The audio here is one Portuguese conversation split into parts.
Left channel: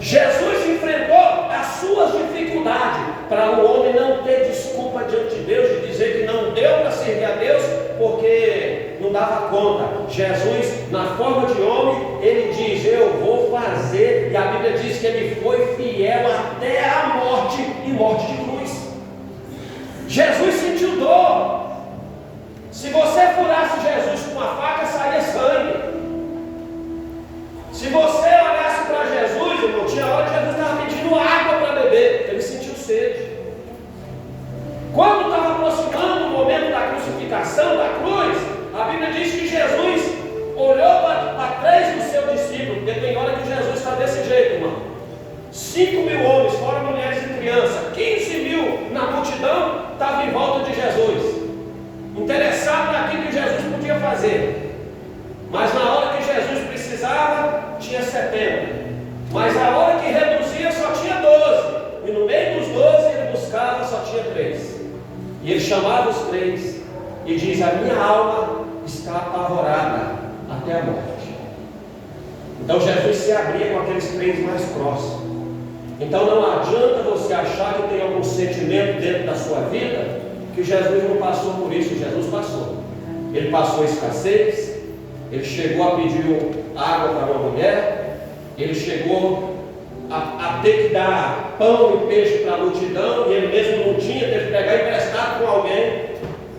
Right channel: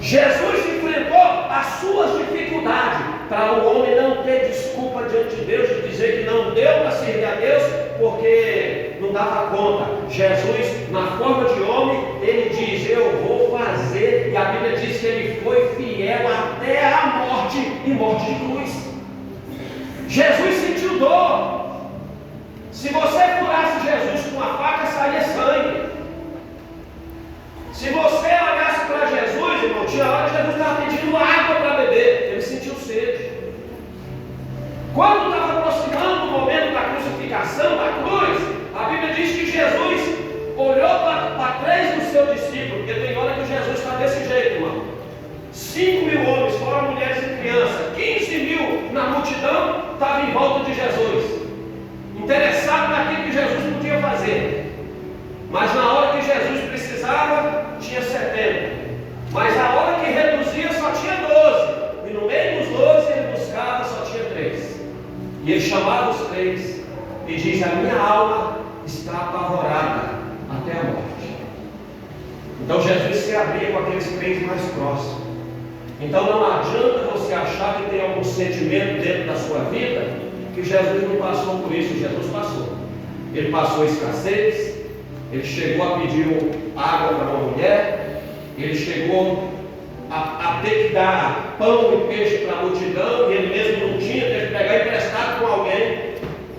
Jesus enfrentou as suas dificuldades para o homem não ter desculpa diante de Deus de dizer que não deu para servir a Deus porque não dava conta. Jesus, na forma de homem, ele diz: eu vou fazer, e a Bíblia diz que ele foi fiel até a morte, e morte de cruz. Jesus sentiu dor. Se você furasse Jesus com uma faca, saía sangue. Se você olhasse para Jesus, irmão, tinha hora que Jesus estava pedindo água para beber, ele sentiu sede. Quando estava aproximando o momento da crucificação, da cruz, a Bíblia diz que Jesus olhou para 3 dos seus discípulos, porque tem hora que Jesus está desse jeito, irmão. 5.000 homens, fora mulheres e crianças, 15.000 na multidão, estavam em volta de Jesus, interessado naquilo que Jesus podia fazer. Mas na hora que Jesus precisava, tinha 70. Mas a hora que reduzia, só tinha 12. E no meio dos 12, ele buscava, só tinha 3. E ele chamava os 3 e diz: a minha alma está apavorada até a morte. Então Jesus se abria com aqueles 3 mais próximos. Então não adianta você achar que tem algum sentimento dentro da sua vida que Jesus não passou por isso. Jesus passou. Ele passou escassez. Ele chegou a pedir água para uma mulher. Ele chegou a ter que dar pão e peixe para a multidão, e ele mesmo não tinha, teve que pegar emprestado com alguém.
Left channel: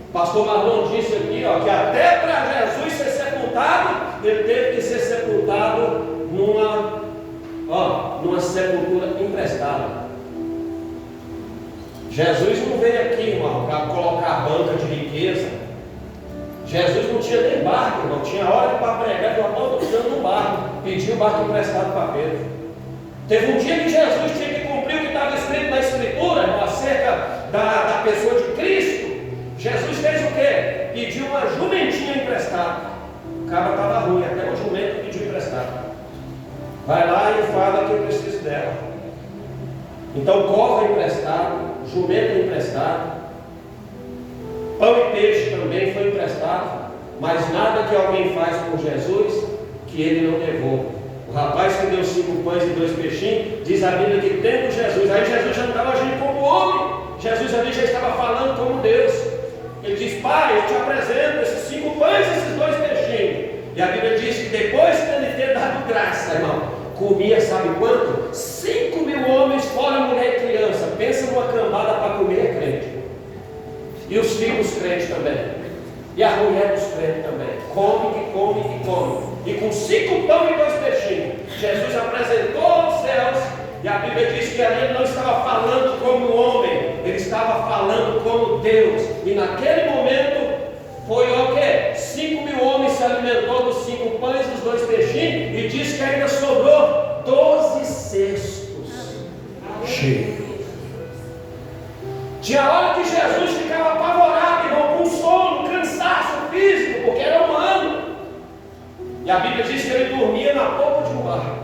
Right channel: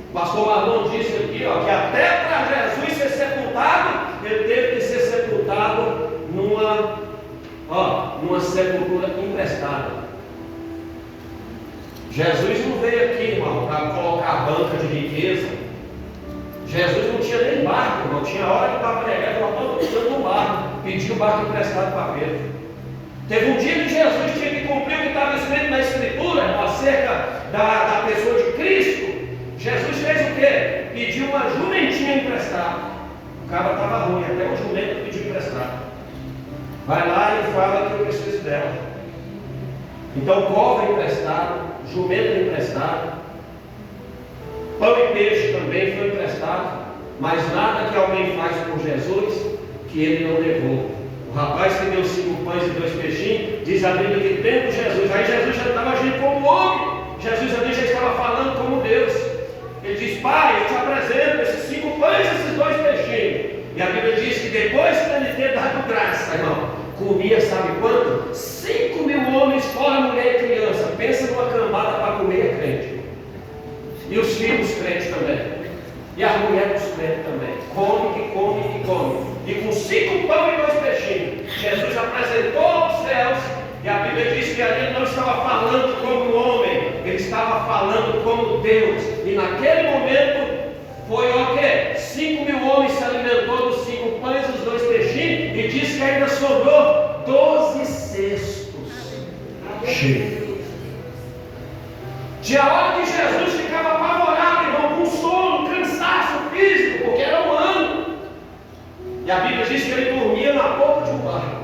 O pastor Marlon disse aqui, que até para Jesus ser sepultado, ele teve que ser sepultado numa sepultura emprestada. Jesus não veio aqui, irmão, para colocar banca de riqueza. Jesus não tinha nem barco, irmão. Tinha hora que para pregar, ele estava precisando do barco, pediu o barco emprestado para Pedro. Teve um dia que Jesus tinha que cumprir o que estava escrito na Escritura, acerca da pessoa de Cristo. Jesus fez o quê? Pediu uma jumentinha emprestada. O cara estava ruim, até o jumento pediu emprestado. Vai lá e fala que eu preciso dela. Então, cova emprestado, jumento emprestado, pão e peixe também foi emprestado, mas nada que alguém faz por Jesus que ele não devolva. O rapaz que deu 5 pães e 2 peixinhos, diz a Bíblia que tendo Jesus, aí Jesus já não estava agindo como homem, Jesus ali já estava falando como Deus. Ele diz: Pai, eu te apresento esses 5 pães e esses 2 peixinhos. E a Bíblia diz que depois de ele ter dado graça, irmão, comia, sabe quanto? 5.000 homens, fora mulher e criança. Pensa numa cambada para comer crente. E os filhos crentes também. E as mulheres dos crentes também. Come, que come, que come. E com 5 pão e 2 peixinhos, Jesus apresentou aos céus. E a Bíblia diz que ali ele não estava falando como homem, ele estava falando como Deus. E naquele momento foi o quê? 5.000 homens se alimentou dos 5 pães e dos 2 peixinhos. E diz que ainda sobrou 12 cestos cheios. Tinha hora que Jesus ficava apavorado, irmão, com sono, cansaço físico, porque era humano. E a Bíblia diz que ele dormia na polpa de um barco.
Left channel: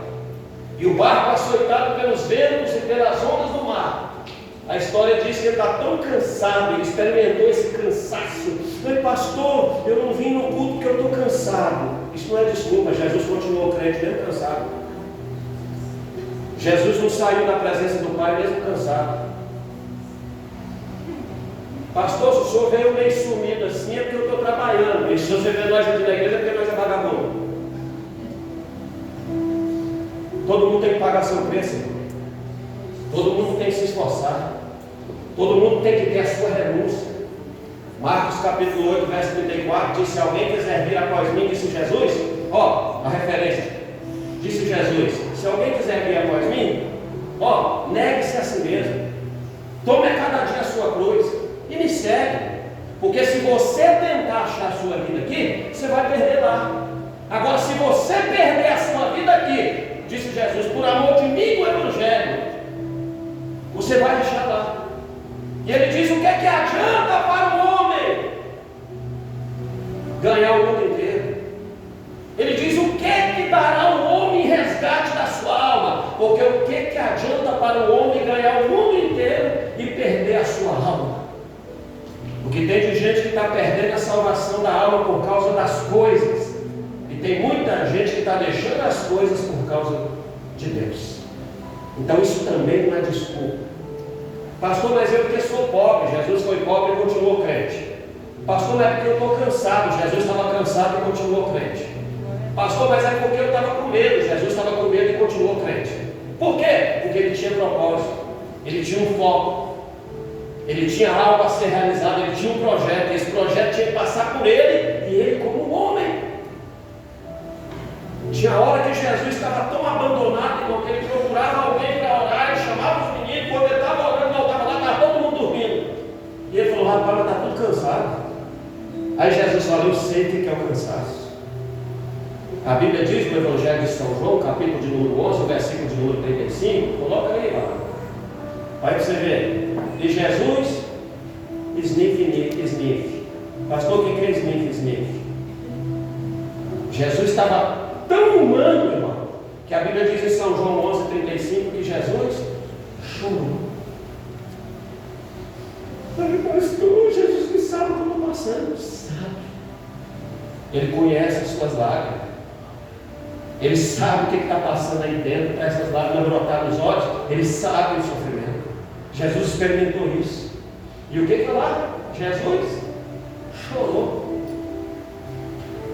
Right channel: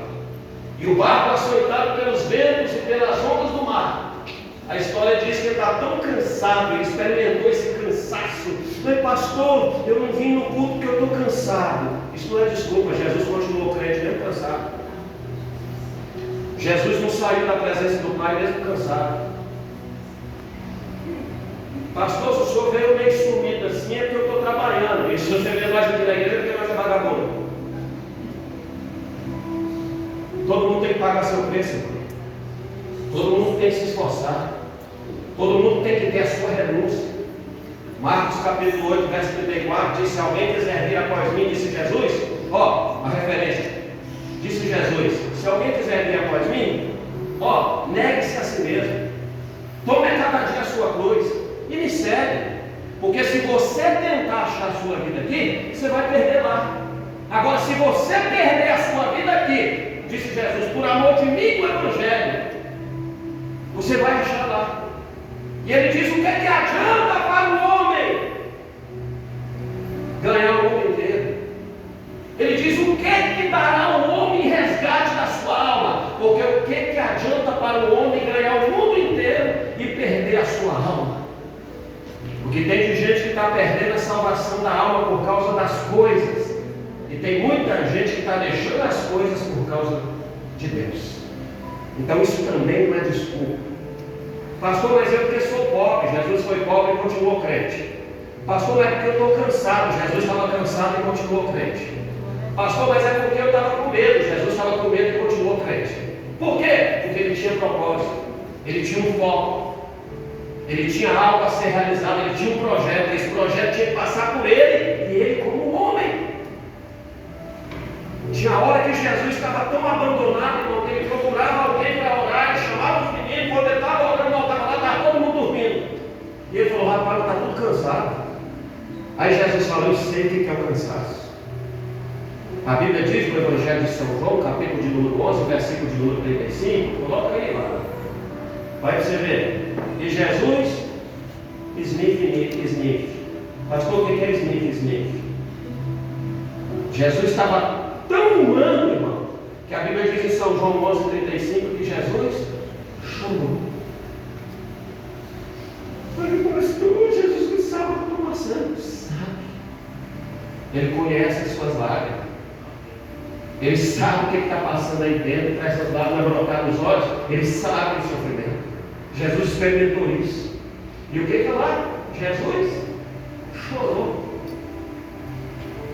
E o barco açoitado pelos ventos e pelas ondas do mar. A história diz que ele está tão cansado, ele experimentou esse cansaço. Mas pastor, eu não vim no culto porque eu estou cansado. Isso não é desculpa, Jesus continuou crente mesmo cansado. Jesus não saiu da presença do Pai mesmo cansado. Pastor, se o senhor veio meio sumido assim, é porque eu estou trabalhando. E se você vê mais aqui na igreja, é porque nós é vagabundo. Todo mundo tem que pagar seu preço, irmão. Todo mundo tem que se esforçar. Todo mundo tem que ter a sua renúncia. Marcos capítulo 8, verso 34 diz: se alguém quiser vir após mim, disse Jesus, a referência, disse Jesus, se alguém quiser vir após mim, negue-se a si mesmo, tome a cada dia a sua cruz e me segue. Porque se você tentar achar a sua vida aqui, você vai perder lá. Agora, se você perder a sua vida aqui, disse Jesus, por amor de mim e do Evangelho, você vai achar lá. E ele diz: o que é que adianta para o homem ganhar o mundo inteiro? Ele diz: o que é que dará o homem em resgate da sua alma? Porque o que é que adianta para o homem ganhar o mundo inteiro e perder a sua alma? Porque tem de gente que está perdendo a salvação da alma por causa das coisas. E tem muita gente que está deixando as coisas por causa de Deus. Então isso também não é desculpa. Pastor, mas eu porque sou pobre. Jesus foi pobre e continuou crente. Pastor, mas é porque eu estou cansado. Jesus estava cansado e continuou crente. Pastor, mas é porque eu estava com medo. Jesus estava com medo e continuou crente. Por quê? Porque ele tinha propósito, ele tinha um foco, ele tinha algo a ser realizado, ele tinha um projeto. Esse projeto tinha que passar por ele e ele como um homem. Tinha hora que Jesus estava tão abandonado, irmão, que ele procurava alguém para orar, ele chamava os meninos, quando ele estava orando, voltava lá, estava todo mundo dormindo. E ele falou: rapaz, está tudo cansado. Aí Jesus falou: eu sei o que é o cansaço. A Bíblia diz no Evangelho de São João, capítulo de número 11, versículo de número 35, coloca aí lá. Vai para você ver. E Jesus, sniff. Pastor, o que é sniff? Jesus estava tão humano, irmão, que a Bíblia diz em São João 11:35 que Jesus chorou. Falei: pastor, Jesus não sabe o que eu estou passando. Sabe. Ele conhece as suas lágrimas. Ele sabe o que está passando aí dentro, para essas lágrimas brotar nos olhos. Ele sabe o sofrimento. Jesus experimentou isso. E o que lá? Jesus chorou.